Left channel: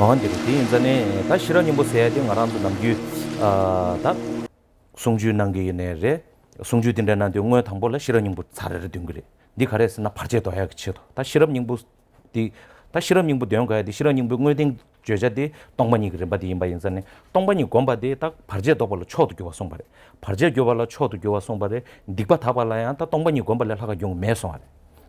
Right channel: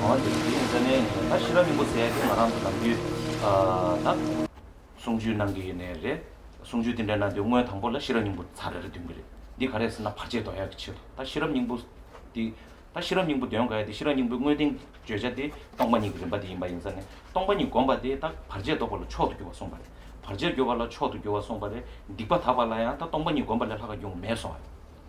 어디 인전에 다 싫어님 보세요. 말한도 남주 다 송주 남기네래 송주 딘다는데 응어 당벌래 싫어님 보 잘해를 된 그래. 네 가래서 나 파제도 해야 그치도. 다 싫어님 보다 싫어님 보 되는 거야. 싫어님 보 응어 된 죄자디 동반이 그래 바디 임바 인전에 동반이 권바디 딱 파제도 벌로 초도 교와 송바래. 파제 교발로 초도 교와 송바래. 닉바 타발라야 다 동반이 권발래 하가 용 매송.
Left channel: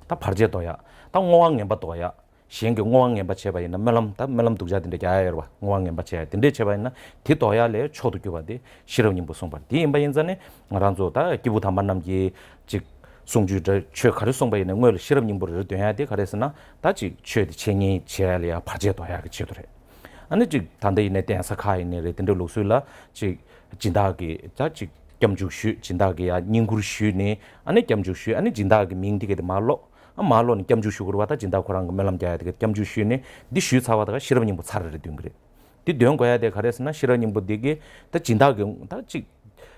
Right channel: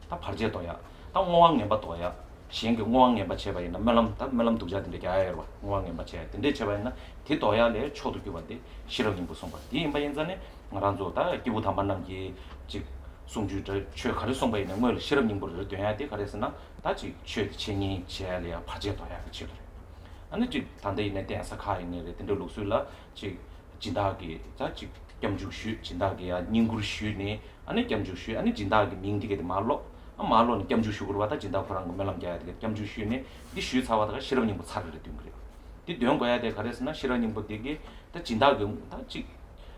다 파제도야. 다 ngwang ba toya shinge ngwang ba cheba ina melam ta melam tukja dinde kya ayar ba ngwang ba che dinde cheba ina ti toya le chodu kyo ba de shirong bu song ba di imba yin zane ngaranzo ta kibu ta manam ji ji songju de che khare song ba ina ngol shirong bu de ya de khare sna ta ji che chenyi che ya le pa je toya ge che dore ane ji tande ine den sa kha ine le dinde loksu la ji jinda ge ta ji kyamju shu jinda ge ya ningur shu ne ane kyamju shu ane jinda ge ming dige de malo 말론 겸주슈고 왔다 진다 코랑 멜람 자야 되게 겸주슈네 디 슈사와다가 실험님 뭐 살을 된 그래 디 되는 거야 돼 가래서나 실험님 뭐 되게 다 진다 다지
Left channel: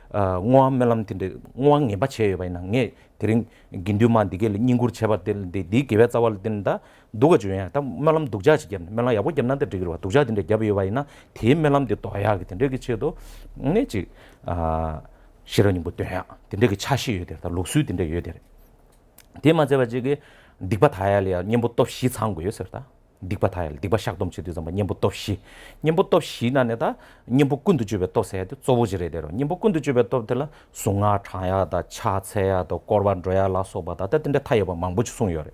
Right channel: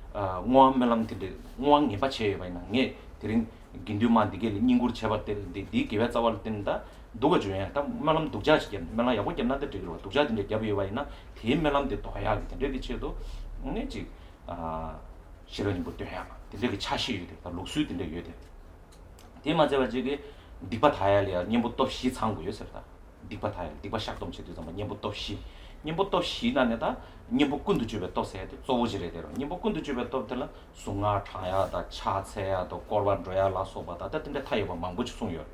ngwang 멜람 tin데 ngwang eba che ba na nge tering ginduman dige ningur cheba tel di kebe tsawal tinda doga juya ta melam dugja chigen mela yabo gemna de tigro dugja tin데 gyabe ba ina the melam de to ya gi tin데 gi chedo ne ji 실험님 뭐 돼야 tin데 gi chashi yede ta loksu tin데 yede 대마제가 지게 딕바 타야리아 님부터 시 창고였었다. 딕바 타야 딕바 샥dom치도 좀 님부터 시 님부터 시나네다 님부꾼도 주베 또 세야 돼. 조부지래대로 님부꾼도 주베 또 들라 송아 차야다 차체야도 꼬르반 줘야라 소바다 때인데 타여봐 망부치 송여래.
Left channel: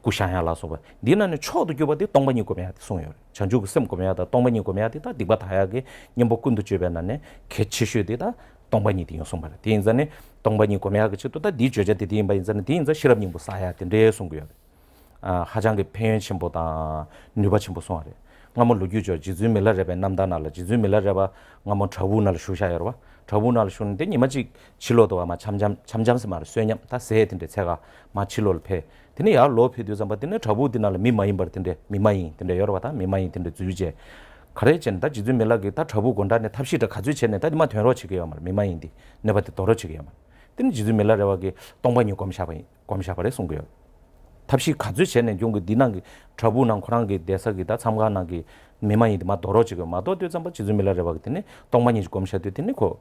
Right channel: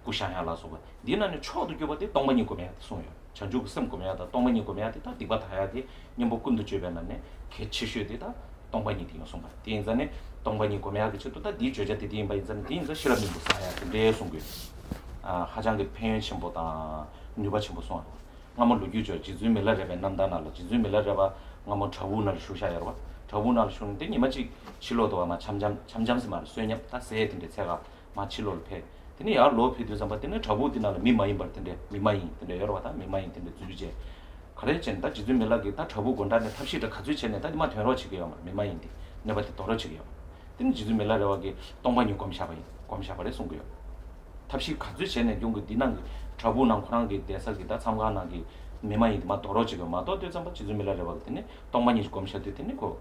구샤야라 소바 니나는 초도 교바디 동반이 고매야 송여. 전주 셈 고매야다 동반이 고매야 다 딕바 타야게 님부꾼도 주베나네 개치슈되다 동반이 디요 송바. 디인자네 동반이 고매야 그치 또다 니 죄자디 디인바 인자는 디인자 실험이 뭐 사야 근데 송고요. 하장게 펜션보다 뉴바침보 송하래. ngamon lugyujo jizu melarebe namdanala jizu melareba ngamon thabunal shushayarwa thabunal shunde nimaji chilodo ma 참잠스 말 쇠냐 다 세해든데 제가 마 치로를 패 근데 야 로피도 잠바든데 thabudinal 미마인 버든데 미마인 근데 여러 가다 미마인 근데 주제 가래젠다 지주 멜라게 다 thabu gondane 탑시다 가주체네 다 마 되러치게요 말 미마인디 내바데 떨어지게요 말 근데 지주 멜라라게 동반이 꼼샤바래 송고요 탑시 가주체네 용거 니난 저부난 코랑게 대사기다 참가나기 메마이디 마 도로지고 마도 되잖아 지즈밀라레 바기네 동만이 검샤데 되네 고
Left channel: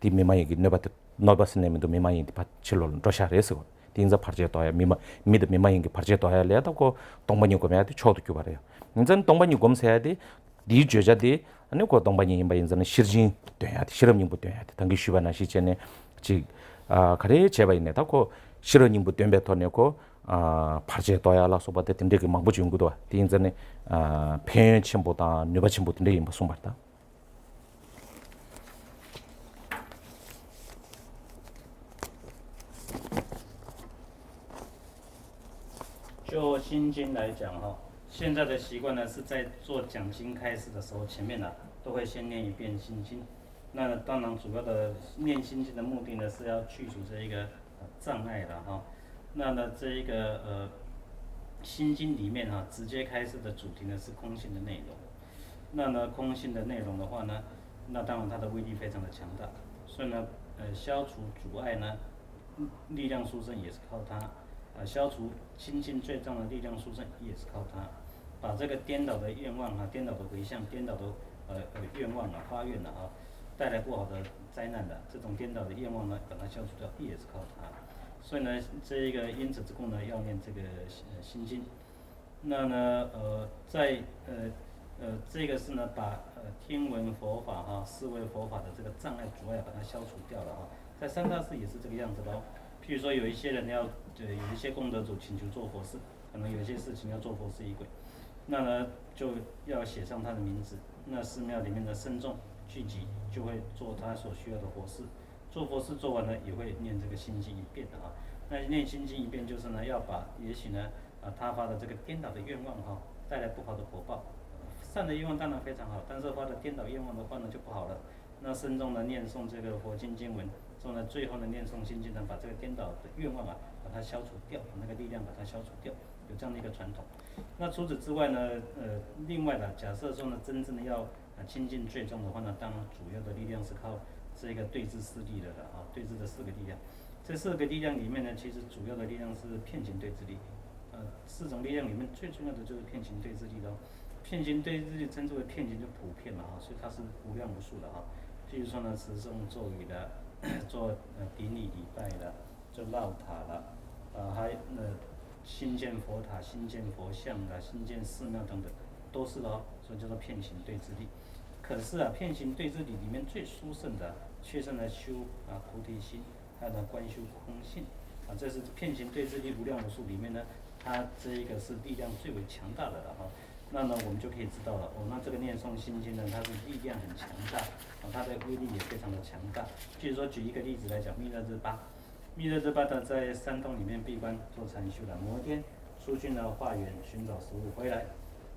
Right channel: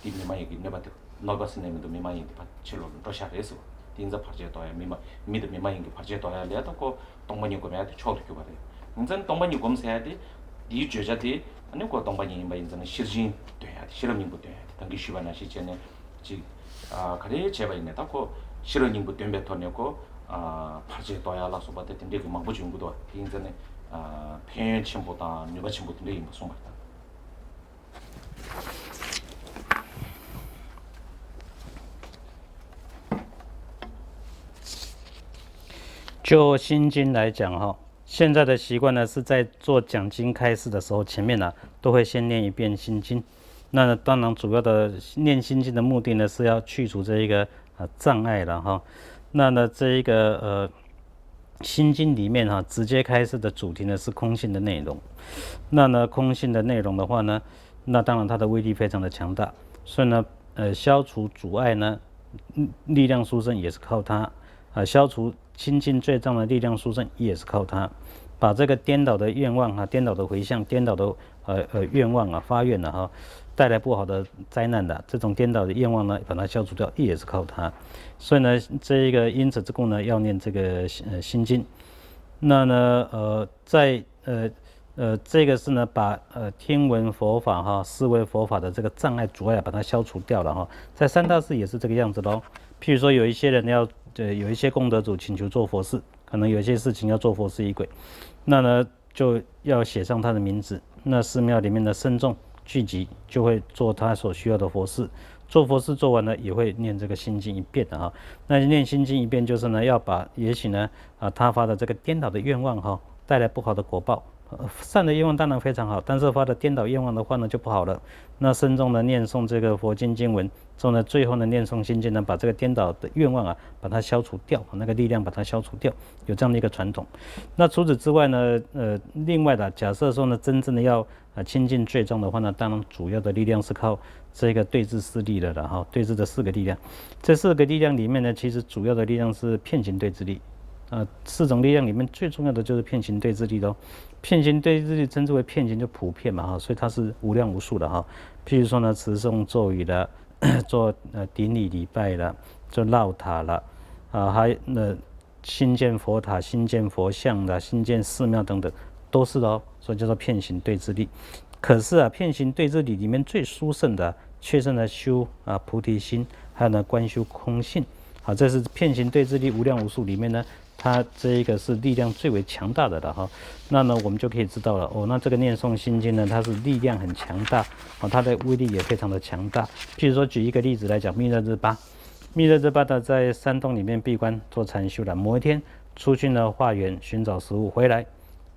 디메마이기 네바트 노바스네미도 메마이디 바칠로 러샤레스 딘자 파르제토야 미마 미드 메마이기 파르제토야 레다고 동만이 검야데 초도 교바래요 인전 동만이 검세야데 디 죄자데 아니 고 동만이 임바인자는 시르진 돼야 실험님부 돼야 당기 쉬바나 시전에 지 가래 제바이네다 고 실험님부 된베토네고 파제도야라 소바데 된데 그 망부지 연구도 인전에 펜침보다 뉴바침보다 내 무슨 말다 就心经来讲哈，现在的习惯呢是在做讲经开示的时候，前面呢都会先念一遍心经。那当然，主要的念心经的目的呢是要去除这一个障碍了哈。那呢这一个心经里面哈，直接开示的主题呢是空性的内容。那呢空性的内容的话呢，那当然它的威力非常的强大，所以呢消除阻碍呢，力量殊胜也是靠它。消除清净罪障的力量殊胜也是靠它，把这个颠倒的愿望颠倒的回向、颠倒的愿望发愿哈，带来不好的灾难的这种颠倒的愿望呢，把它消除掉也是靠它。所以呢，这一个因此之故呢，要念这个心经。那呢在这个是呢，把听闻佛法思维佛法的这个障碍阻碍把它消除掉了哈。在三大寺也是这个样子喽。譬如说有一些人要有一些功德主请求做佛事，可能有一些事情要做佛事仪轨，那呢就要写上他的名字，那寺庙里面的僧众聚集就会做他所需要的佛事，做佛事做完了也会念这个心经一遍的哈。那念心经一遍就是呢要把也许呢他发的这个颠倒的愿望带来不好的果报。善的愿望当然非常好，但是发的颠倒愿望的话呢就不好了。那僧众呢念诵这个佛经经文之后呢，最后呢念诵心经呢，把这个颠倒的愿望把它消除掉，那个力量把它消除掉，有这样的一个传统。那除此之外呢，另外的假设说呢，真正的要清净罪障的话呢，当然主要的力量是靠这个对治四力的了哈，对治的四个力量。这四个力量里面呢，其实主要的力量是遍行对治力。四种力量里面最重要的就是遍行对治力咯。遍行对治力称之为遍行就普遍嘛哈，所以它是无量无数的哈。譬如说呢，持诵咒语的，做顶礼礼拜的，做绕塔了，还新建佛塔、新建佛像的、新建寺庙等等，都是的哦，所以叫做遍行对治力。可是啊，遍行对治力里面最殊胜的，却是呢修菩提心，还有呢观修空性。好，这是遍行对治力无量无数里面呢，它这一个是力量最为强大的了哈。那呢，我们就可以知道了哦，那这个念诵心经呢，它是力量很强大，它的威力也非常的强大。譬如说，举一个例子来讲，密勒日巴，密勒日巴的在山洞里面闭关做禅修了，某一天出去呢化缘寻找食物回来，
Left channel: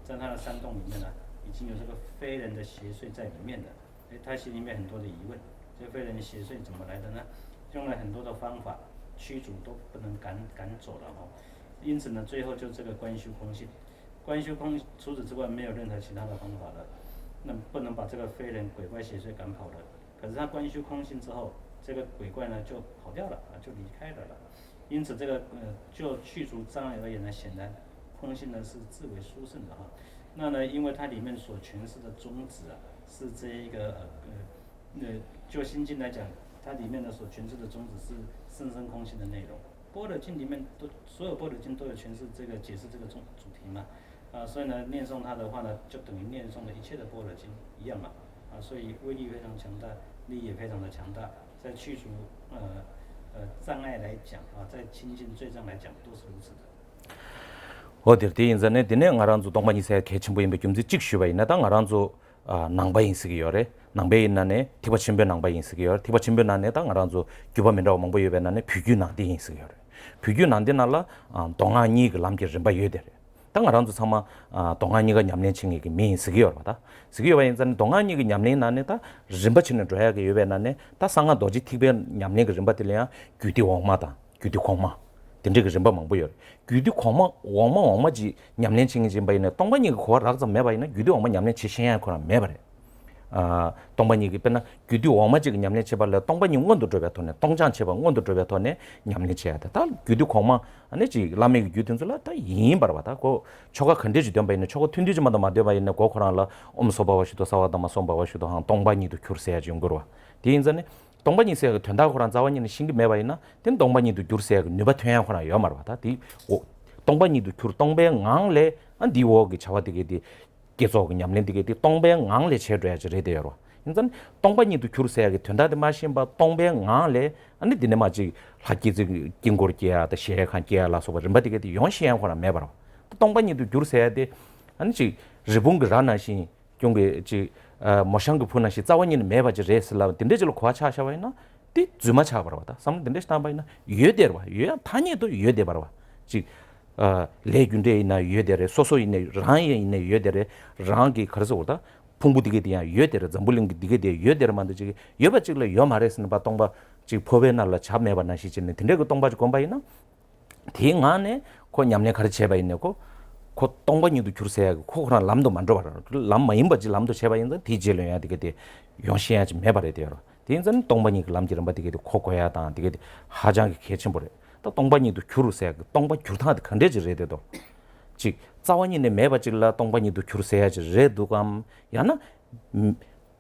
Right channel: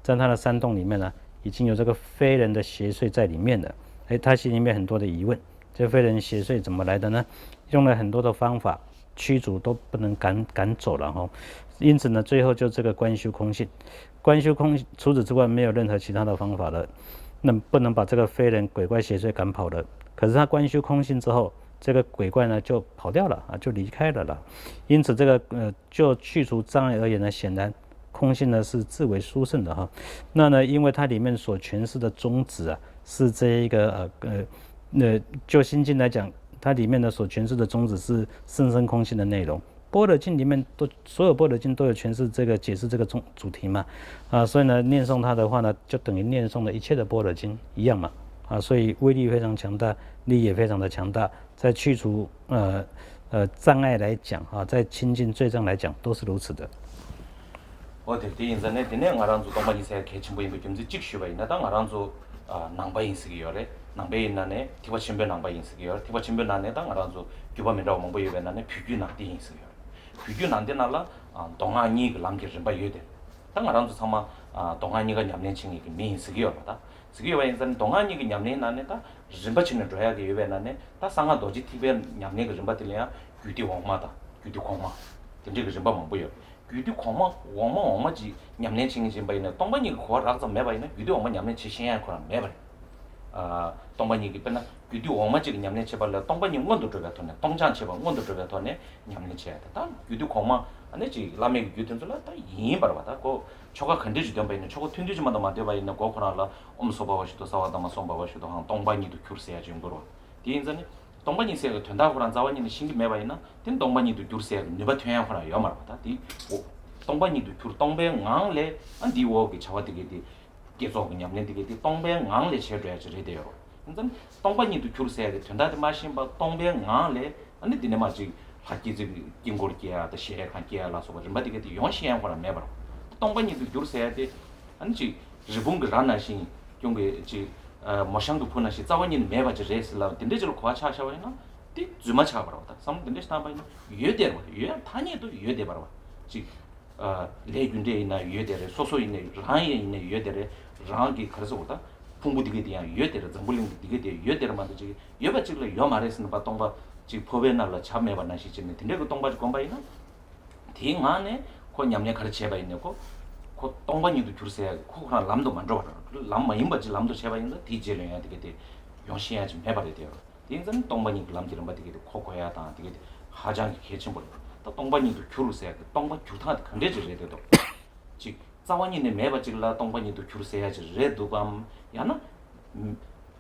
在他的山洞里面呢，已经有这个非人的邪祟在里面了。他心里面很多的疑问，这非人邪祟怎么来的呢？用了很多的方法驱逐都不能赶走了哈。因此呢，最后就这个观修空性，观修空，除此之外没有任何其他的方法了，那不能把这个非人鬼怪邪祟赶跑了。可是他观修空性之后，这个鬼怪呢就跑掉了就离开了啦。因此这个就去除障碍而言呢，显然空性呢是至为殊胜的哈。那呢，因为它里面所诠释的宗旨是这一个就心经来讲，它里面的所诠释的宗旨是甚深空性的内容。般若经里面所有般若经都有诠释这个解释这个主题嘛，所以呢念诵它的话呢，就等于念诵了一切的般若经一样嘛，所以威力非常强大，力也非常的强大，在去除障碍来讲在清净罪障来讲都是如此的。어디 인자네 디네 ngaranzu 동반이세 개침보임be 김지 직슈바 있나다 ngaranzu 낭바인 쓰기요래 낭베 있나네 티바 침베 낭바인 쓰기요 티바 침베 나네다 ngaranzu 규바민라 몽보 유베나네 비규나 디인 쓰기요 비규난데 날라 동안이 그 남게 좀 봐요데 당 ngaranzu 상마 동안이가 냠내 칭이기 미 쓰기요다 쓰기요 인자네 동안이 그 냠내 나네다 림바치는 줘야게 유베나네 다 상가 도지 티베 냠내 그 림바들이야 규디 왕마다 규디 공마 딘데 그 림바 몽보요 규디 공마 왕마지 냠내 칭이 좀 봐이네 동반이 그 고락자 매바이네 규디 왕마 냠내 치신야 코나 매바래 동반이 그 빼나 규디 왕마지 그 냠내 쳐발래 동반이 원도 줘베토네 동장 쳐바 원도 줘베토네 냠내 쳐야다 다 규디 공마 아니지 라메 규든줄라 다 이인 바라바다 고 초가 컨디지 된 바이네 초가 튠디지마다 마데 바이네 고코라라 엄소바와시도 사와다마 솜바와시도 한 동반이도 큐르세야지 용거로 디인자네 동반이 세가 된다고 그런 자원이는 신기 매바이나 된 동반이도 큐르세야고 누바 퇴야코나 요 말바다 디 동반이도 큐르 동배 앙레 안 디워기 차와디게디 계속 냠렌디게디 동배 앙레 쳐줘야지 레데요 인전 동반이도 큐르세야게 된다데 마신 바 동배 앙레 아니 디네마지 하기지 긴고르기야 더 시행한기야 라서 르바디게디 용시양코나 매바로 동반이도 큐르세야데 아니지 리봉그 라나시 용게 지 모샹그 푸나시 자원이는 매바지 레슬라 딘데절 과차샤와이나 띠 주마 차버라다 삼 딘데스 담바이나 예데로 예 타니도 예데 바로 지 레균데이나 예데레 소소이네 라이에 있네 예데레 랑기 그래서 오다 풍부디게 디야 예데레 잠불링 디게 디 예데레 만드지 예바직래 요 말했으나 바 동바 지 법에날라 잡매바나시 지네 딘데 그 동바지 건바이나 딩안에 고 냠내 가르쳐 봐 있네고 고 동반이도 큐르세야 코그라 람도 만들어 봐라 람 마임바지 람도 제바 있는 디젤해야 되게 용시야 좀 해봐야 돼요 딩전 동반이 그 람지를 받게 돼 코코해야 다 되게 하장이 개침 버려 또 동반이도 큐르세야 동반 큐르타한테 컨데지를 해야 돼도 즉 자원이네 매바질라 동반이도 큐르세야지 레도감 야나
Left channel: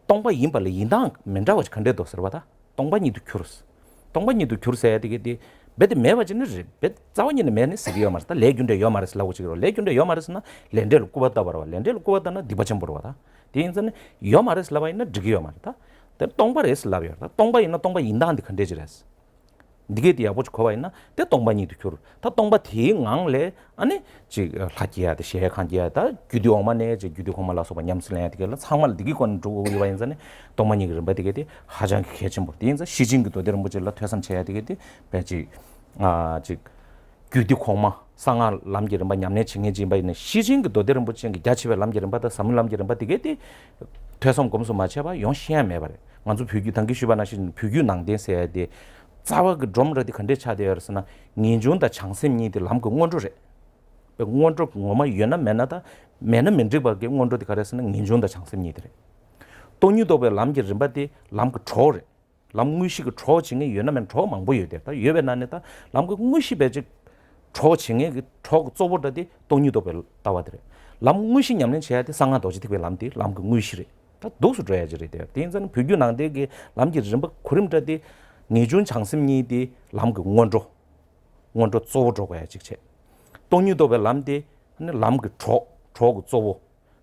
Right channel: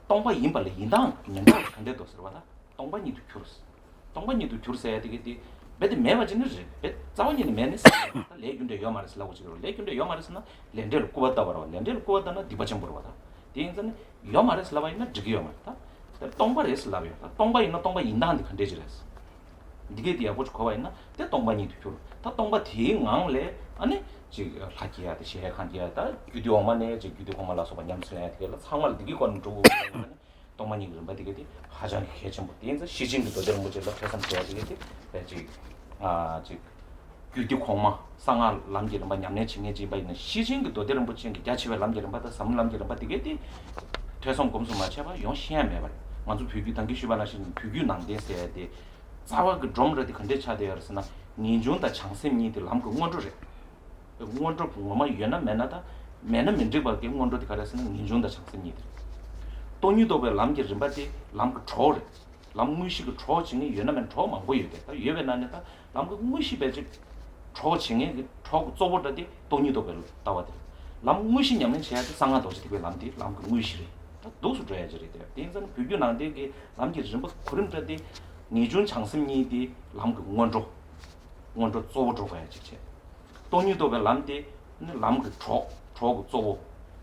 동반 임발이 인당 맨다고 컨데도 서바다 동반이도 큐르스 동반이도 큐르세야 되게 베드 매바진지 베 자원이네 매네 쓰기요 말다 레균데 요 말스라고 지고 레균데 요 말스나 렌델 꾸바다 버와 렌델 꾸바다나 디바점 버와다 디인선 요 말스라와 있는 지기요 말다 데 동바레스 라비다 동바 있는 동바 인다한테 컨데지레스 디게 디아고 거와 있나 데 동바니도 큐르 다 동바 디앙레 아니 지 가지야데 시해칸디야다 규디오만에 지 규디오만라서 냠슬래야 되게라 상말 디기 건 두고 와인선에 동바니 그 버디게디 하장 개침 뭐 디인서 시징도 되는 뭐질라 패선 해야 되게디 배지 즉 규디콩마 상알 남기는 바 냠내 칭해지 바 있는 시징도 되는 뭐징 대치베 남기는 바다 삼을 남기는 바 되게디 퇴송 검수 맞춰봐 용시야 매발 먼저 표규 단기 수반하신 표규 낭대세야 돼 자와 그 드럼러디 컨데 차되어서나 니존다 창심니들 남고 원조래 원조 뭐마 연나 맨나다 맨은 맨적밖에 원조디 가려서는 니존다 창심니들 돈유도베 남기는 바디 남고 초래 람무시 그 초징이 연나면 초망 보여야 됐다 예베나네다 남고 무시베 즉 초칭에 초 쪼버더디 돈이도 별 따와들 람 무시 냠는 제한테 상한 도시 되게 람디 람그 무시리 다 도수 줘야지리 돼요 대인자는 비교난데 게 람지 좀 그림자디 니준 장심니디 람그 원조 쪼버줘야 직체 돈이도 별 람디 람그 초 쪼버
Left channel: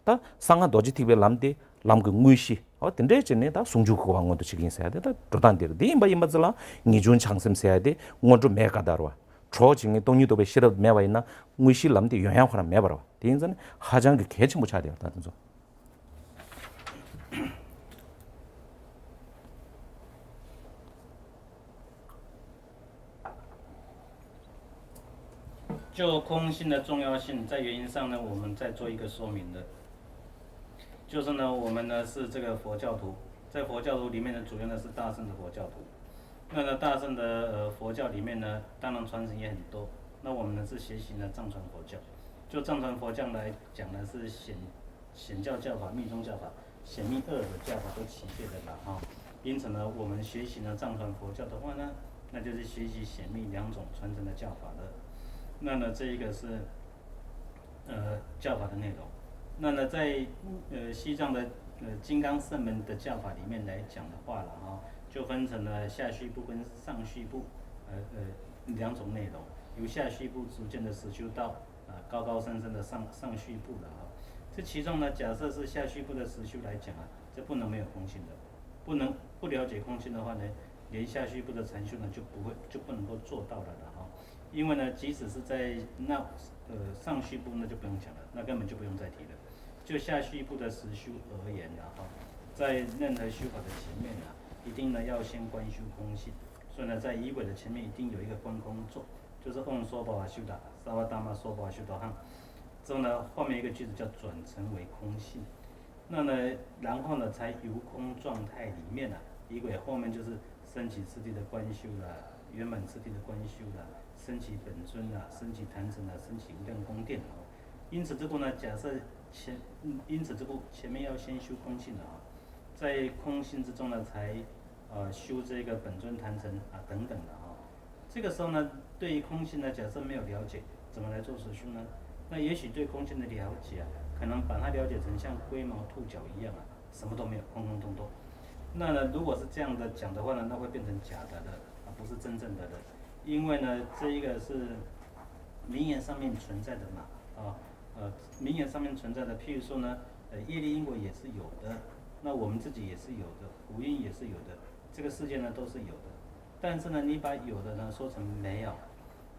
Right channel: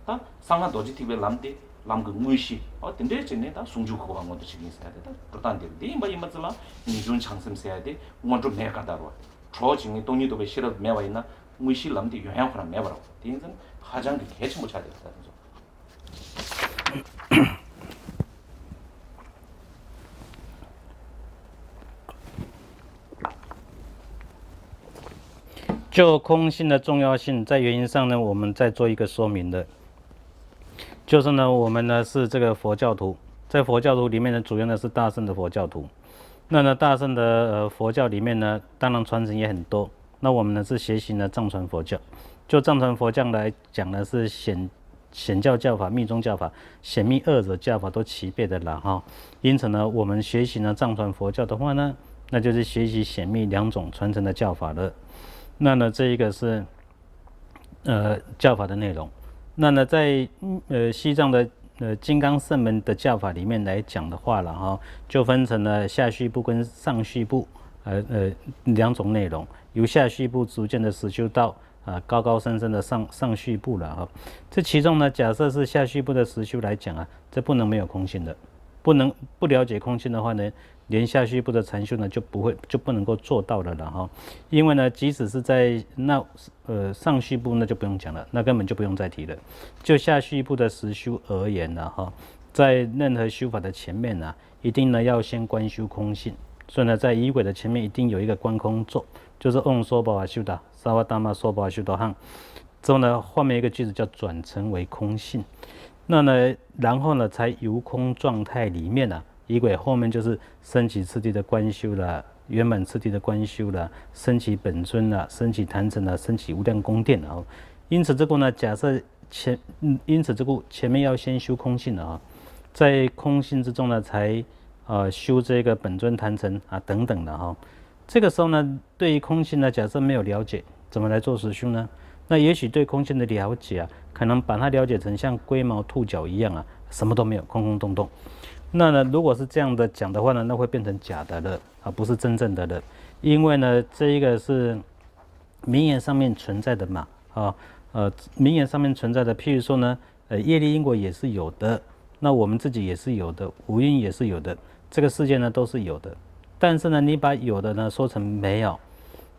다 상한 도시 되게 람디 람그 무시 근데 전에 다 송주 그거 방원도 지금 있어야 돼. 다 도단들. 네 임바질라 니준 장심 써야 돼. 원조 매가다로. 초징이 동유도 배 싫어 매와 있나? 무시 람디 영향하나 매버려. 대인전 하장 그 개치 못 차야 돼. 다든서. 就空性的重要性，在原因上呢，我们再做一个说明的，就是呢，我们呢是这个佛教徒，在佛教徒里面呢，主要呢是大乘的佛教徒。那呢，大乘的佛教里面呢，当然传承也很多。那我们呢是学习呢藏传佛教，就藏传佛教来讲呢，是显教教法、密宗教法、显密二者教法都齐备的了哈。因此呢，我们学习呢藏传佛教的话呢，那就是学习显密两种传承的教法了。那呢，这一个是教法的内容。那呢，在西藏的金刚圣门的教法里面来讲的话了哈，就分成了下续部跟上续部两种内容，由下续部逐渐的实修到高高深深的上续部了哈。这其中呢，假设是下续部的实修来讲啊，这不能没有空性的，不了解空性的话呢，连下续部的禅修呢就不能够做到了了哈。因为呢，即使是在上续部那就不用讲了，那根本就不用再提了。就下续部的实修而言呢哈，在任何修法的前面呢，一定呢要先观修空性。所以呢，在仪轨的前面一定有一个观空咒，就是嗡娑婆瓦修达萨瓦达玛娑婆瓦修多汉。之后呢，后面一个句子叫转成为空性。那呢，然后呢，才由空状态里面啊，仪轨后面就是升起次第的观修啦，圆满次第的观修啦，升起本尊啦，升起坛城啦，升起无量宫殿啊。因此这个呢，假设因此这个前面要先修空性啊，在空性之中呢，才修这个本尊坛城啊等等的哈。这个时候呢，对于空性呢，假设没有了解，怎么来做实修呢？那也许对空性的了解啊，可能把它了解成像龟毛兔角一样啊，什么都没有，空空洞洞。那呢，如果是这样的讲的话呢，那会变成假的了啊，不是真正的了。因为呢，这一个是名言上面存在的嘛，名言上面存在的，譬如说呢，业力因果也是有的，那我们自己也是有的，五蕴也是有的，这个世界呢都是有的。但是呢，你把有的呢说成没有，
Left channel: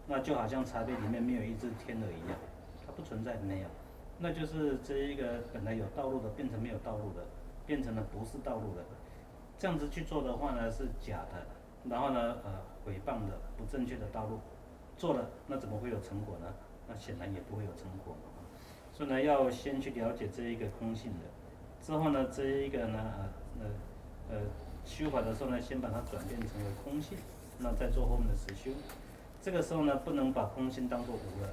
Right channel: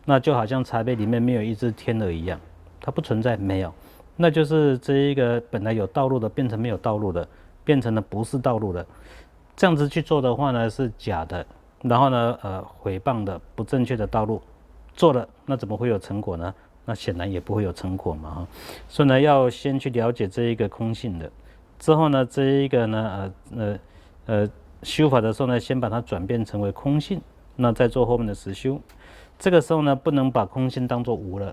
那就好像茶杯里面没有一只天鹅一样。它不存在，没有，那就是这一个本来有道路的变成没有道路的，变成了不是道路的，这样子去做的话呢是假的，然后呢毁谤的不正确的道路做了，那怎么会有成果呢？那显然也不会有成果嘛所以呢要先去了解这一个空性的，之后呢这一个呢修法的时候呢，先把它转变成为空性，那再做后面的实修。这个时候呢不能把空性当作无了。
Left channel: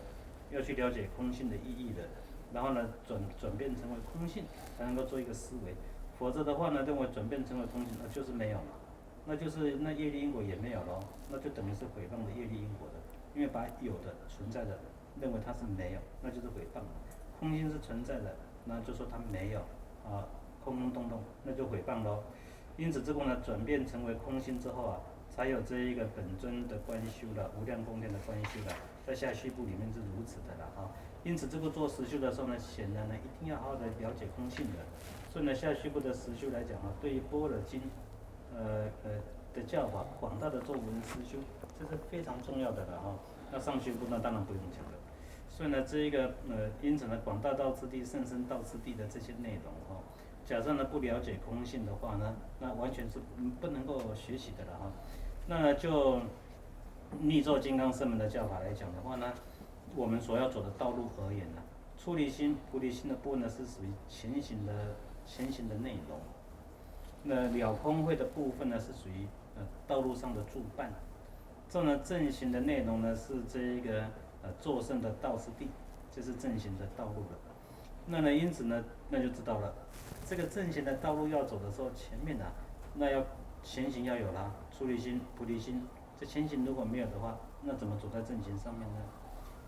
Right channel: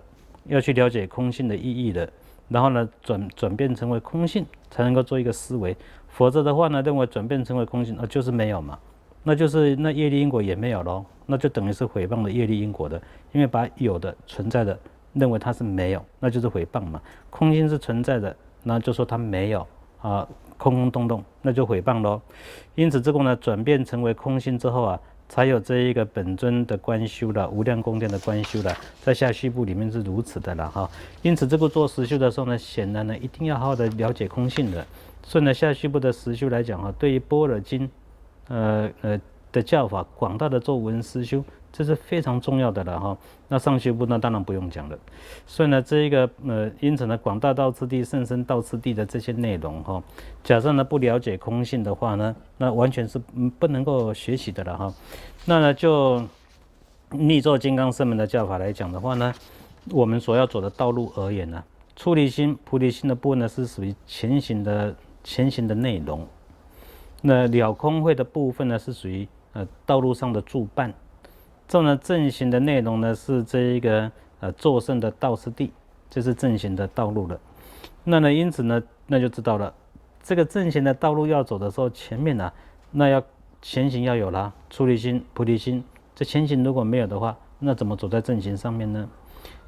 要去了解空性的意义的，然后呢转变成为空性，才能够做一个思维。否则的话呢，认为转变成为空性就是没有嘛，那就是那业力因果也没有咯，那就等于是毁谤了业力因果的，因为把有的存在的认为它是没有，那就是毁谤嘛。空性是存在的，那就说它没有啊，空空洞洞，那就毁谤咯。因此这个呢转变成为空性之后啊，才有这一个本尊的观修了，无量宫殿的观修了，在下续部里面是如此的了哈。因此这个做实修的时候呢，显然呢一定要好好的了解空性的。所以呢，下续部的实修来讲哈，对于般若经的教法，广大的做闻思修，这是非常重要的了哈。那上续部那当然不用讲了。所以呢，这一个因此呢，广大道次第、甚深道次第的这些内容哈，假设呢不了解空性的话呢，那完全是不能够学习的了哈。那呢，就密咒金刚圣门的教法来讲的话呢，我们所要走的道路而言呢，出离心、菩提心的部分呢是属于前行的内容。那了空慧的部分呢是属于道路上的助伴。这呢正行的内容呢是这一个作圣的道次第，这是正行的道路了。那呢因此呢，那就知道了，这个正行的道路要走的时候，前面呢那要前行要有啦，出离心、菩提心。这前行如果没有的话，那怎么走在正行上面呢？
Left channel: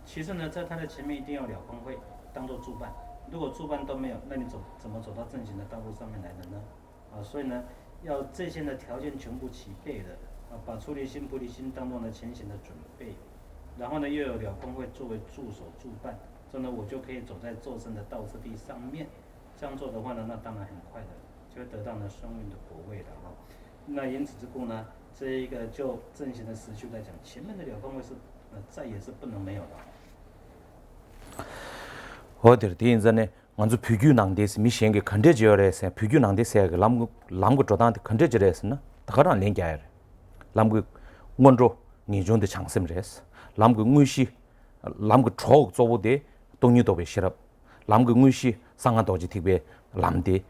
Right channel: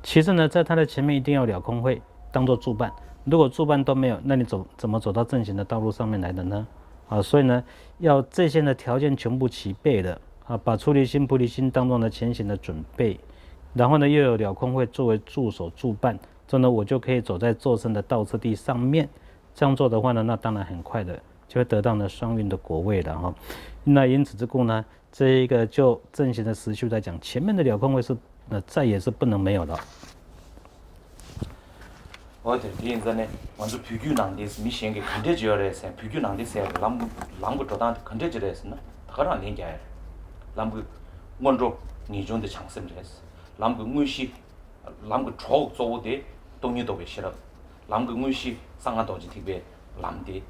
其次呢，在它的前面一定要了空会当做助伴，如果助伴都没有，那你怎么走到正行的道路上面来的呢？所以呢，要这些的条件全部齐备的把出离心、菩提心当做呢前行的准备，然后呢又有了空会作为助手助伴，这呢我就可以走在座身的道次第上面。这样做的话呢，那当然很快的就会得到呢双运的果位了哈。那因此之故呢，这一个就正行的实修来讲，前面的了空位是再也是不能没有的。我的第一阵呢，我就普及能力是米先给看着就来噻，普及能力噻个啷个做到的看着就来噻呢，他让连接，啷个按照你种的长生来噻，啷个我是啷个超做不的，东西都被写了。啷个我是上海岛际特别难的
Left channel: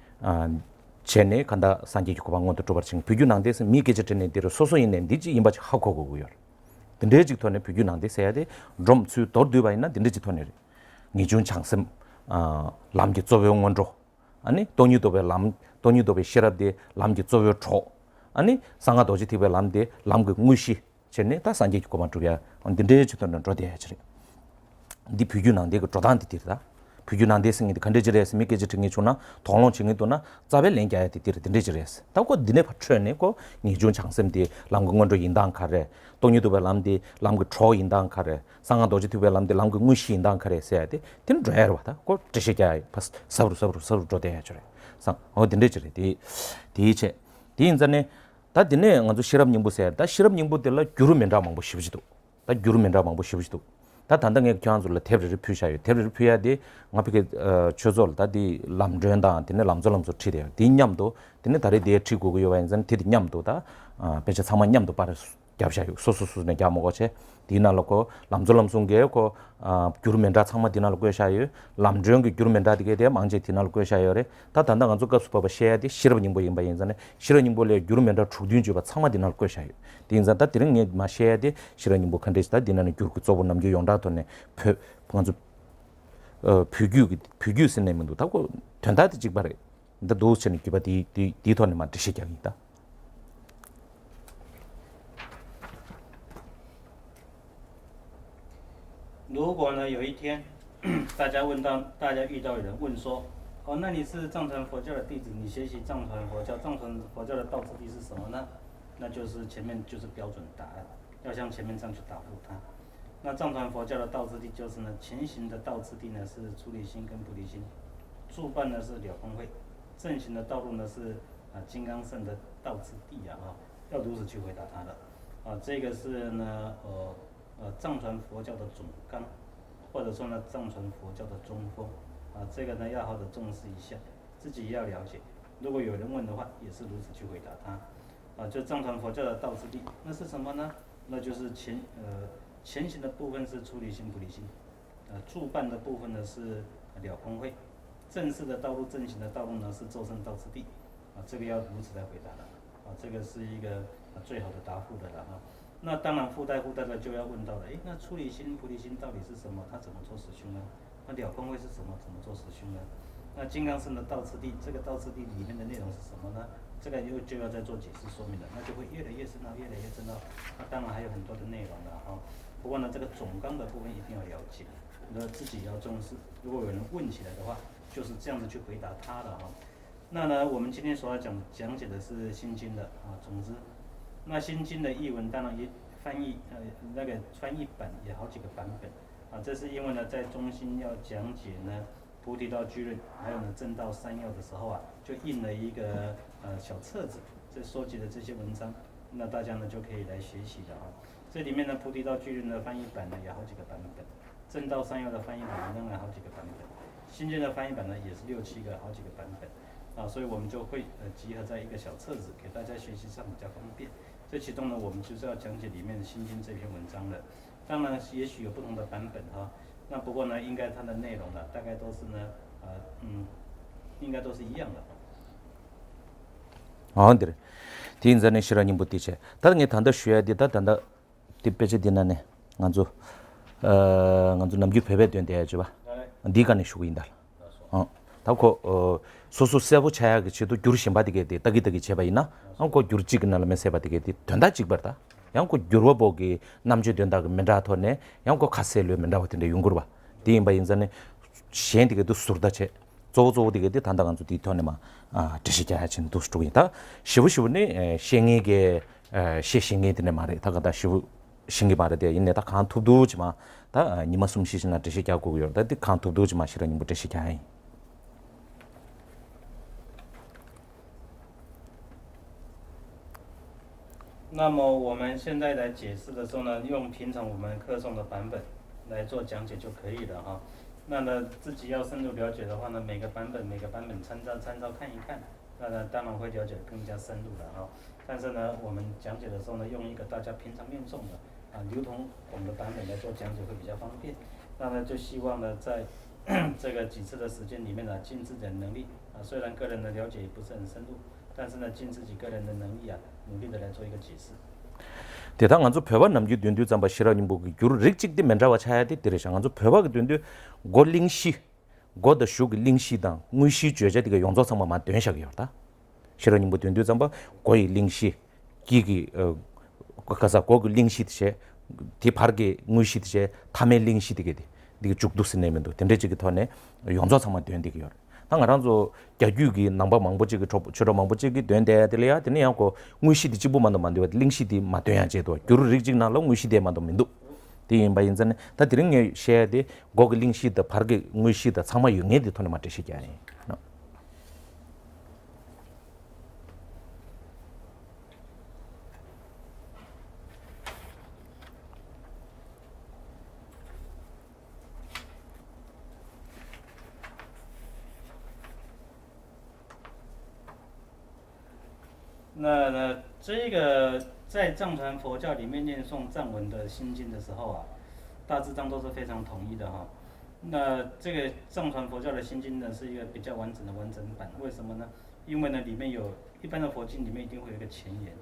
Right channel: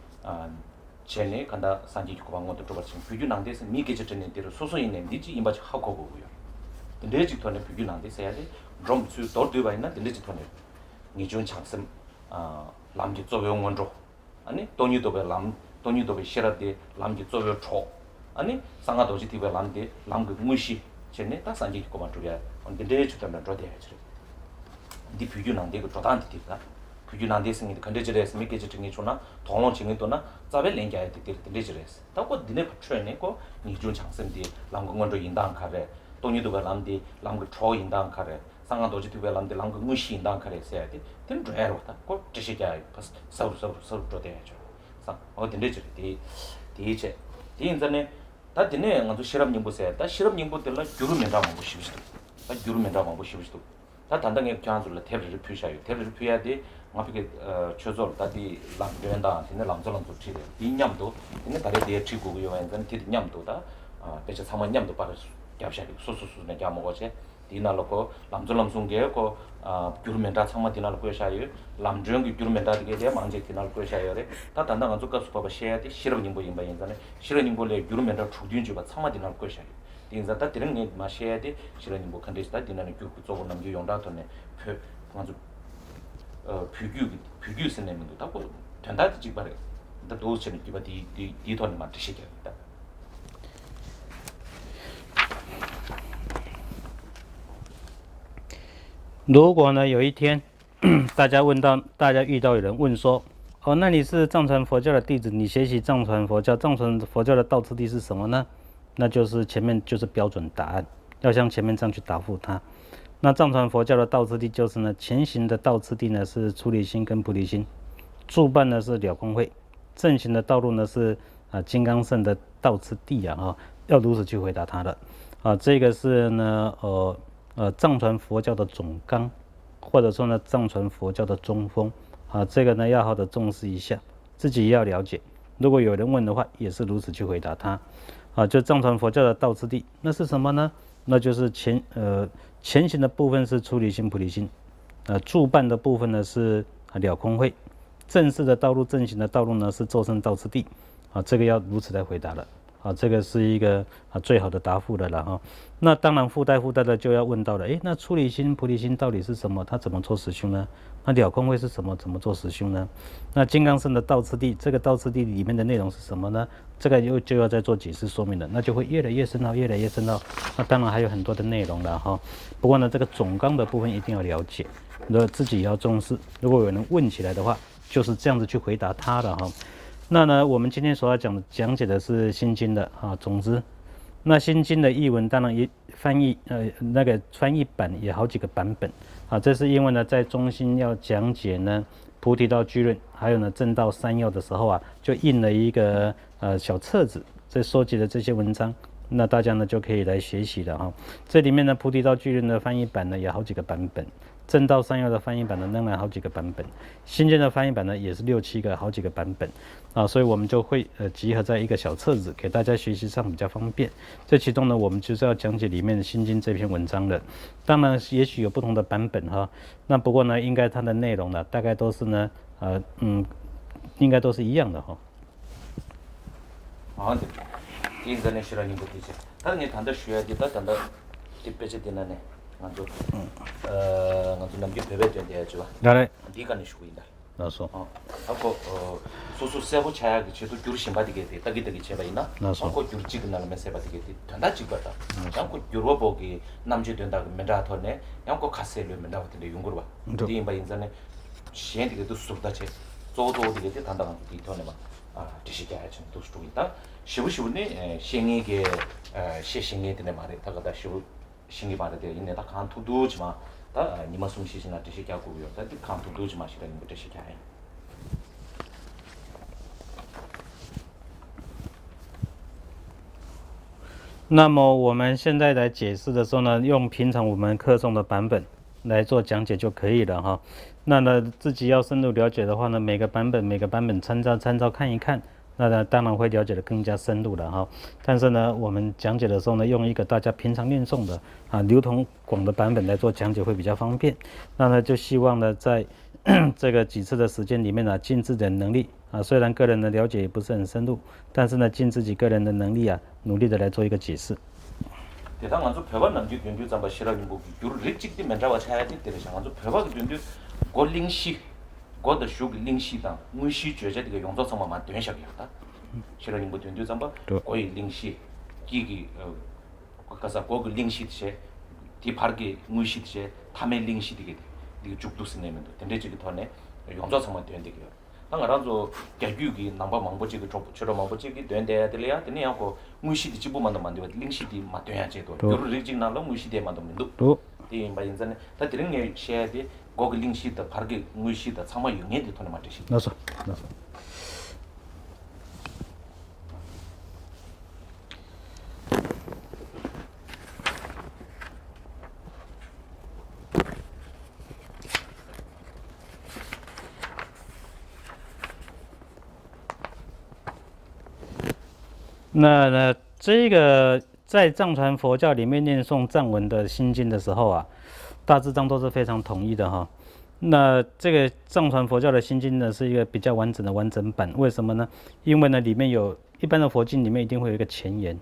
前年看到三级局帮我都做不成，普及能力是米给这真的的，所以呢，你这一把就好考过个样。等这几团呢，普及能力噻的，容去到对吧？那等这几团呢，你种长生남기作为원조 아니 돈이 도베 남 돈이 도베 시라데 남기作为초 아니 상가 도지 티베 남데 남그 무시 전에 다 산지 고만 쪽에 언데 저던 저대 해지 디 비규난데 그 조단데 티다 비규난데 생이 컨데지레스 미케 지팅이 주나 동로 징이 도나 자벨 랭게야 티티 든데지레스 다고 니네 받쳐네 고 니준 장sem디 남근원조 인당 카레 돈이 도베 남데 남그 초 인당 카레 상하 도지 티베 남데 남그 무시 인당 카레 세야데 딘 드라이어 왔다 고 지시게 파스 서로 조대 해줘 상 든데지레 디체 디인전에 다 디네 응도 실험 연구세 다 실험 연구들라 규르면다 방법 싶지도 다 규르면다 방법 싶지도 다 단단하게 교환술로 탭을 표시해요. 탭을 표해야 돼. 앞에 저절 다디 람전다 되네 람절람조 치대. 뒷냠도 되네 다리 뒤에 치고 요완전 뒤냠도다 배차 상만냠도 빠르 겹샤요. 소소소네 갸먹어체 디나로고 람절람송게고 규르멘다 상마 디나로고 샤요. 람전기 규르멘다 되게 돼 망제 디나로고 샤요래. 다 단단한 조가 수법을 해야 돼. 실험님 보인 바인전에 실험님 볼래 규르멘다 주딘지바 상마 디나로고 샤요. 딘자다 디릉 마셔야데 실현이 뭐 컨디스다 디나는 규그 쪼본 남겨 용다도네 먼저 비규 선내면도 다고 된다지 직발에 근데 도스는 기바 디토네 만드시겠다 如果呢有一天大家遇到有人问说那你是藏传佛教的弟子，你学习藏传佛教的道次第是什么呢？那就是前面就是标准答案，要像前面这样去答复他。那藏传佛教的道次第就是呢，前行的道次第呢是出离心跟菩提心，助伴呢是了空慧，正行的道路呢是金刚乘的道次第要如此去回答他的这个是呢藏传佛教的总纲，或者说呢藏传佛教的中锋这个呢要好的重视一下，自己也要了解。如果有人问的话，也是如此去回答他。就藏传佛教的道次第，那是什么呢？那就是前行的部分是出离心、菩提心，助伴的部分呢是了空慧，正式的道路、正行的道路呢是咒声道次第，这个要如此来回答了，这个是一个最好的答复的了哈。那当然附带的就要问到了，那出离心、菩提心到底是什么？它怎么做实修呢？那了空慧是什么？怎么做实修呢？那金刚乘的道次第，这个道次第里面的内容是什么呢？这个就要再做解释说明了，那就会越来越深奥，越来越深奥。那当然还有很多的内容了哈。不过呢，这个总纲的部分一定要了解，自己也要重视。如果有人问起来的话，就是这样子去回答他的哈。那呢，我们今天所要讲解的是心经的总之，那心经的译文当然也翻译那个翻译版也好几个版本这是因为呢，在中心要讲解呢菩提道聚论，还有呢正道三要的时候就印了一个小册子，这收集的这些文章，那大家呢就可以来学习了哈。这里面呢菩提道聚论的翻译版呢有好几个版本，正道三要的翻译版呢仍然好几个版本，心经的翻译版呢也是6、7个好几个版本所以我们就会集合在一个小册子，给大家学习上比较方便。这其中呢，我们就是要讲解里面的心经这篇文章的。当然，也许有不同的版本那不过呢，应该它的内容呢，大概都是呢，应该都是一样的对。第一呢，실현이 못 되지. 다른 게 단다 쉬어야 되다 단다 뒷배지 되나네. 먼저 먼저 남기 배배 된대 해줘 봐. 나래. 네가 내 쉬고 있다. 나서. 하고 소소 세고 차야 그 지도 규르 심바디게 돼 따기따기 제바 있나 한고 규르 찍나면 세바디게 돼 된다 찍었다 양고 규르 보기 남주 된다 그 menda토네 양고 카셀로 men다 같은데 용거로 봐 디임바 인자네 시엔디게도 수르다체 조조디게 단단한 도 디토네마 드시게 하진 도스토이다 시부시부네 시행에게 시행에 되네 말에 다가다 시부 신기 바르데 인내다 칸투도지마 다 니마 숨쉬시나 드시게 하고요 다 칸투도지마 시라니 못 드시게 해 那么我们现在来解释的时候呢，用平常我们课中的版本来做讲解就可以了哈。那呢，自己要深入了解的话呢，每个版本参照看一看，那呢当然会了解的更加深入了哈。但是呢，我们讲解的时候呢，用一个大家平常念诵的流通广的版本来做讲解会比较方便。那呢，就希望呢在这个几次的时间里面呢，尽自己的能力虽然个人的了解也不是很深入，但是呢，尽自己个人的能力努力的来做一个解释。 대당 안주 표바 남기 된도 잠바 시라님 보고 규르 릭직디 mendra와 차야디 데레상 안주 표바가 된도 골링시 고더 슈그 링시다 무시 죄제디가 용조성만 된샤기였다 시라님 보 된도 잠바 고이 링시 기기 가서 고그 링시드제 디 바르게 무시드제 타메 링시디게 디가 죽두스 내면도 된데지기 터네 용조성만 된디기요 당가란조 개규기 남바 망보지기 저러 망보지기 된데들이야 되냐고 무시디 지부만도 만들어 링시디 마돼야제도 규르 리직나로 무시디만도 민도 또 디임바인자네 다 드링에 셰디 고글 링시드 바르게 무시다 상마 영에디 토네 마트시기 나서那呢，这个在藏传佛教里面念诵藏文的心经的时候大致上都是非常统一的哈。那这个藏传佛教的心经呢，是一个比较完整的完整版。为什么呢？因为呢，里面有一般的佛经里面一定会有一个前言，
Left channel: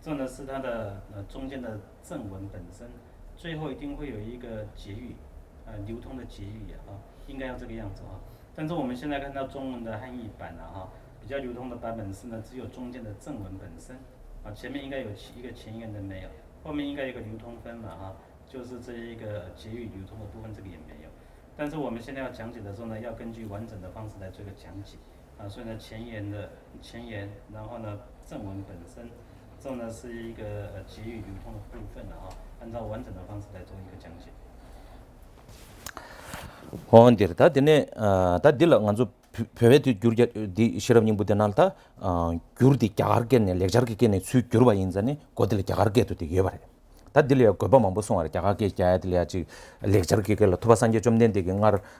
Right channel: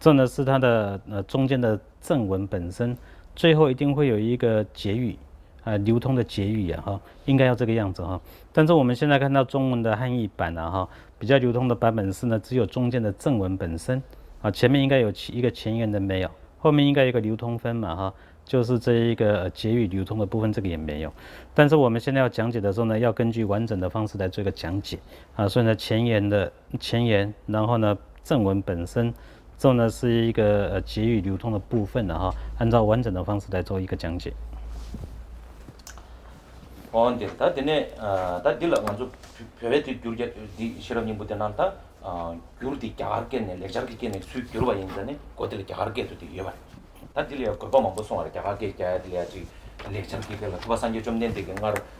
这呢是它的中间的正文本身，最后一定会有一个结语流通的结语应该要这个样子哈。但是我们现在看到中文的汉译版比较流通的版本是呢，只有中间的正文本身前面应该有一个前言的没有，后面应该有一个流通分嘛就是这一个结语流通的部分，这个也没有。但是我们现在要讲解的时候呢，要根据完整的方式来做一个讲解所以呢前言，然后呢正文本身，之后呢是一个结语流通的部分按照完整的方式来做一个讲解。 호언들 다 되네 다 딜라 먼저 페베티 규르디 시럽님 부터난다 규르디 갸가르게네 렉자르게네 수 규르바 인자네 고들 갸가르게도 되게 봐. 다 딜려 고바만 보송아 갸가게 갸야들야지 렉자르게를 토바산게 좀 낸데게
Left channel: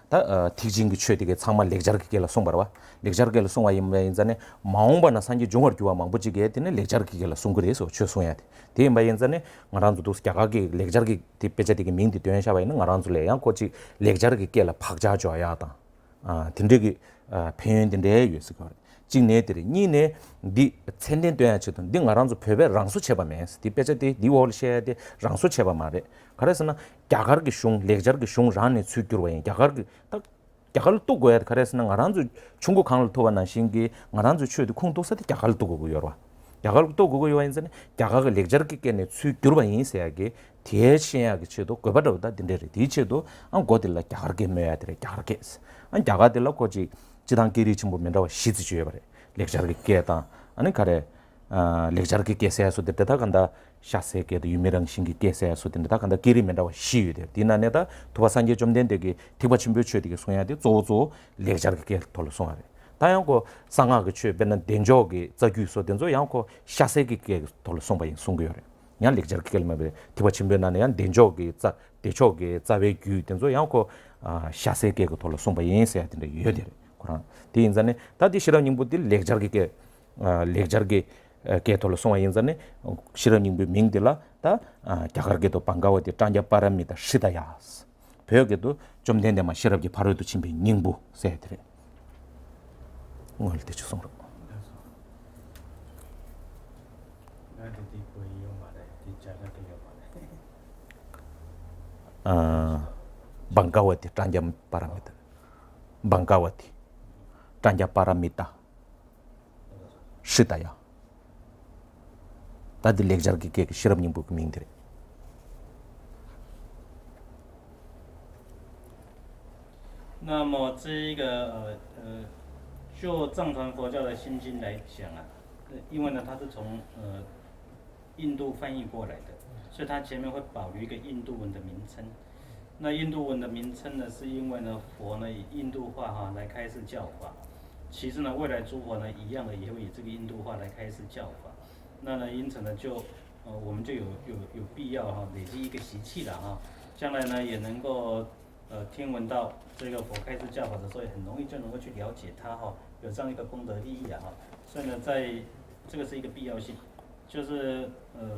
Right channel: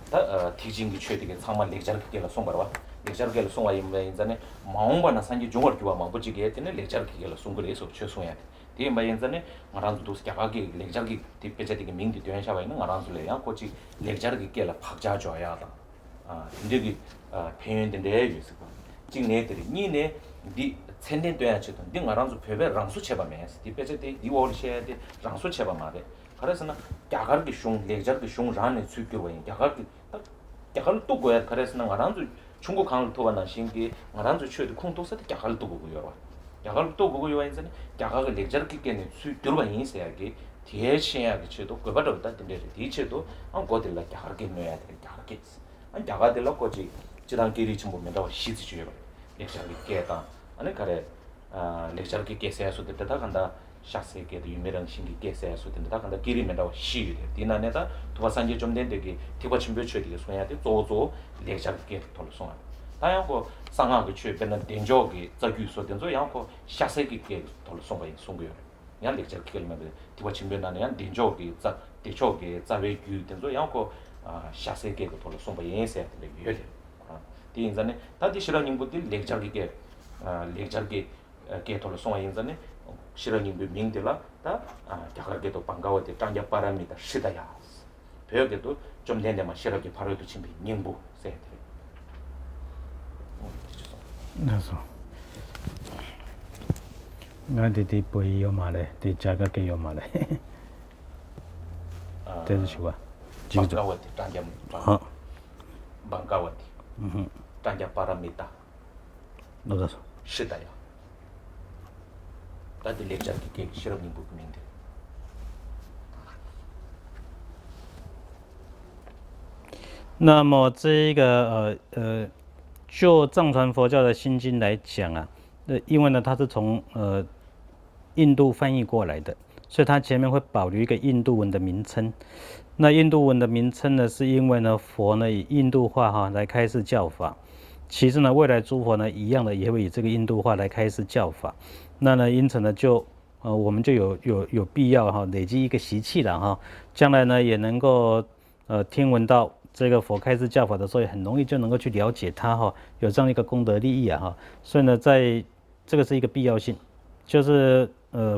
다 티징기 최되게 상만 렉자르게를 송바라 렉자르게를 송아 인자네 마옹바나 산지 종어 규와 망부지게 했더니 렉자르게를 송그래서 최송해야 돼. 대마 인자네 ngaranzu dos kyagage lekjarge tippejedige mingdi tyenshaba ina ngaranzu le yang kochi lekjarge kela phakja joya da tindegi phen dinde yus ko jingne de ni ne di tsenden tyen chudon di ngaranzu phebe rangsu cheba mes tippejede di wol shede rangsu cheba mare 그래서 나 갸가르게 슝 lekjarge 슝 란에 수규로 와 갸가르게 딱 갸가르 또 고야 그래서 나 ngaranzu 중국 강을 토바나 신기 ngaranzu 추도 콩도서데 갸가르 또 고요 와 야갈도 그거 요인선에 야가가 렉저르끼게네 수 들어봐 인세야게 대신야게 쳐도 그거보다 된대리 뒤쳐도 안 고들라 야가게 넣어야 돼 야가게 안 야가들라 거지 지단끼리 좀 보면 더 시즈 줘야 돼 렉저르끼게다 아니 가래 렉저르끼게 세야서 됐다 간다 샤세게도 유명한 신기 깨세야서 된다 간다 끼리면 더 시유 돼 디나네다 도와산지 좀 된데게 디바침 벼쳐야 되게 소해야 돼 조조 렉저르끼게 돌로 송아 다양고 상하게 취 변는 된적이 저규소 된저 양고 샤세기게 돌 송바인 송고요. 냥 렉저르게 말에 디바침 변나네 양 된적이 자 대적이 자외규 된저 양고 샤세게 돌 송바인 해야 된다 유여들. 그런 디인자네 다디 싫어님 분들 렉저르게 렉저르게 개돌 송바인자네 싫어님 분 민들라 다 갸가르게도 반가워디 장자 바랍니다. 시다야. 벽에도 좀 된데만 싫어게 바로도 침비 닝부 세들. 올때 주성으로. 그래서 나한테 보이요 말해, 대자가게요 말해. 반가워때 장점 바랍니다. Bangkawati, Tanja Paramita, 那个 Shitaya. Tadi lekjar ki ke shiram nyimbu kumingdire. 那么这个就藏传佛教的心经来讲啊，因为呢它是从印度翻译过来的，所以它前面会保留一个印度文的名称。那印度文的名称呢，是因为呢佛呢以印度话来开示教法，其次呢未来诸佛呢一样的也会以这个印度话来开示教法。那呢因此呢我们就有必要累积一个习气了将来呢也能够听闻到这个佛开示教法的时候，也很容易就能够去了解它有这样一个功德利益所以呢在这个是一个必要性，就是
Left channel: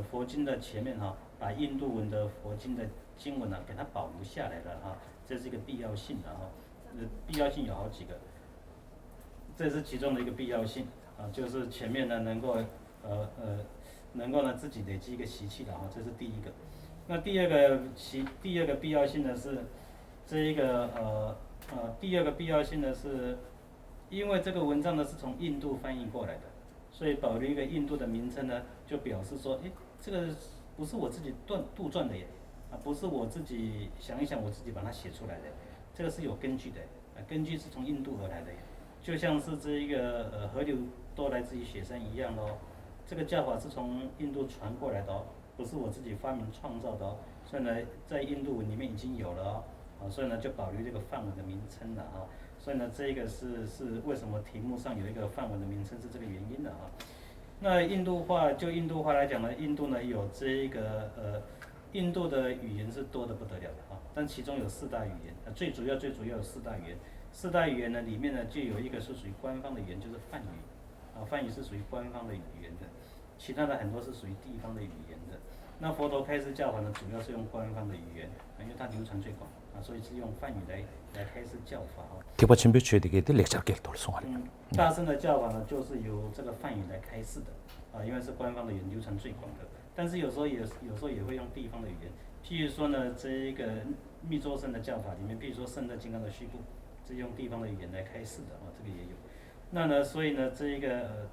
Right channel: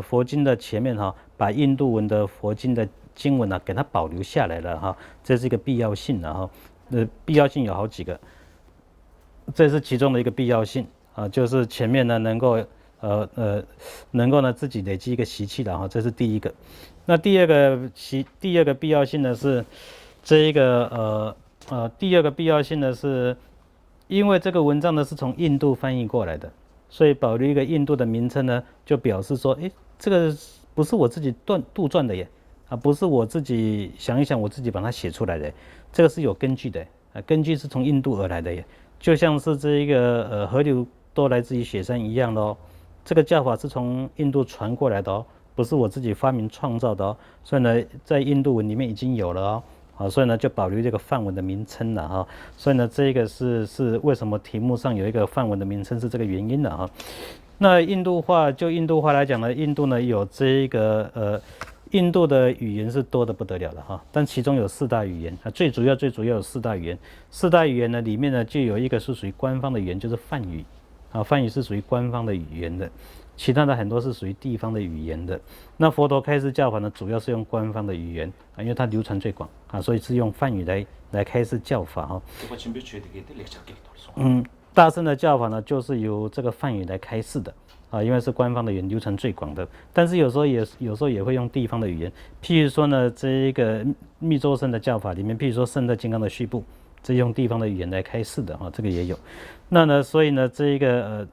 佛经的前面把印度文的佛经的经文给它保留下来了这是一个必要性的必要性有好几个，这是其中的一个必要性就是前面呢能够呢自己累积一个习气的这是第一个。那第二个必要性呢是这一个第二个必要性呢是，因为这个文章呢是从印度翻译过来的，所以保留一个印度的名称呢，就表示说，这个不是我自己杜撰的耶，不是我自己想一想我自己把它写出来的，这个是有根据的，根据是从印度而来的耶，就像是这一个河流都来自于雪山一样的这个教法是从印度传过来的不是我自己发明创造的所以呢，在印度文里面已经有了所以呢就保留这个梵文的名称了所以呢这个是为什么题目上有一个梵文的名称是这个原因的那印度话来讲呢，印度呢有这个印度的语言是多得不得了的但其中有4大语言最主要有4大语言，4大语言呢里面呢就有一个是属于官方的语言，就是梵语梵语是属于官方的语言的，其他的很多是属于地方的语言的。那佛陀开示教法呢，主要是用官方的语言因为它流传最广所以是用梵语来开示教法Tiba chimbe chue de de lekjar ke tol song. 大乘的教法呢，就是由这个梵语来开示的因为是官方的语言，流传最广的。但是有时候也会用地方的语言，譬如说呢，这个密宗僧的教法里面，譬如说圣德金刚的序部，这用地方的语言来开示的这个也有。那呢，所以呢，这个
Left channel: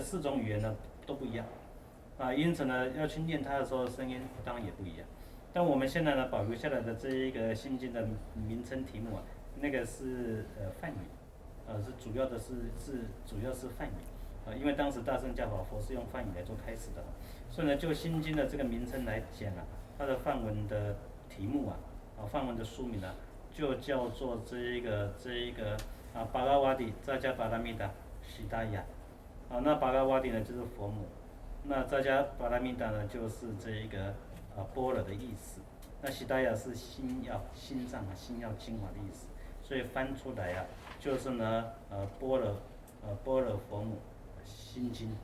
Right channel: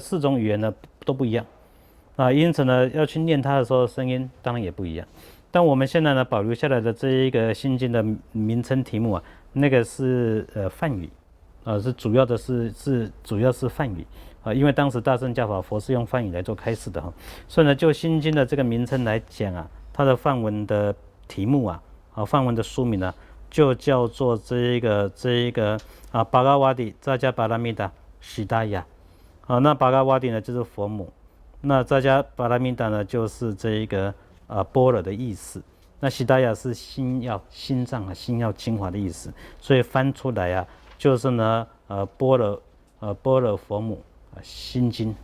4种语言呢都不一样因此呢，要去念它的时候，声音当然也不一样。但我们现在呢，保留下来的这一个心经的名称题目那个是梵语是主要是梵语因为当时大乘教法佛是用梵语来做开示的所以呢，就心经的这个名称来讲它的梵文的题目梵文的书名就叫做这一个巴嘎瓦底扎加巴拉米达悉达雅那巴嘎瓦底呢就是佛母，那扎加巴拉米达呢就是这一个般若的意思，那悉达雅是心脏心要精华的意思，所以翻出来就是呢般若佛母心经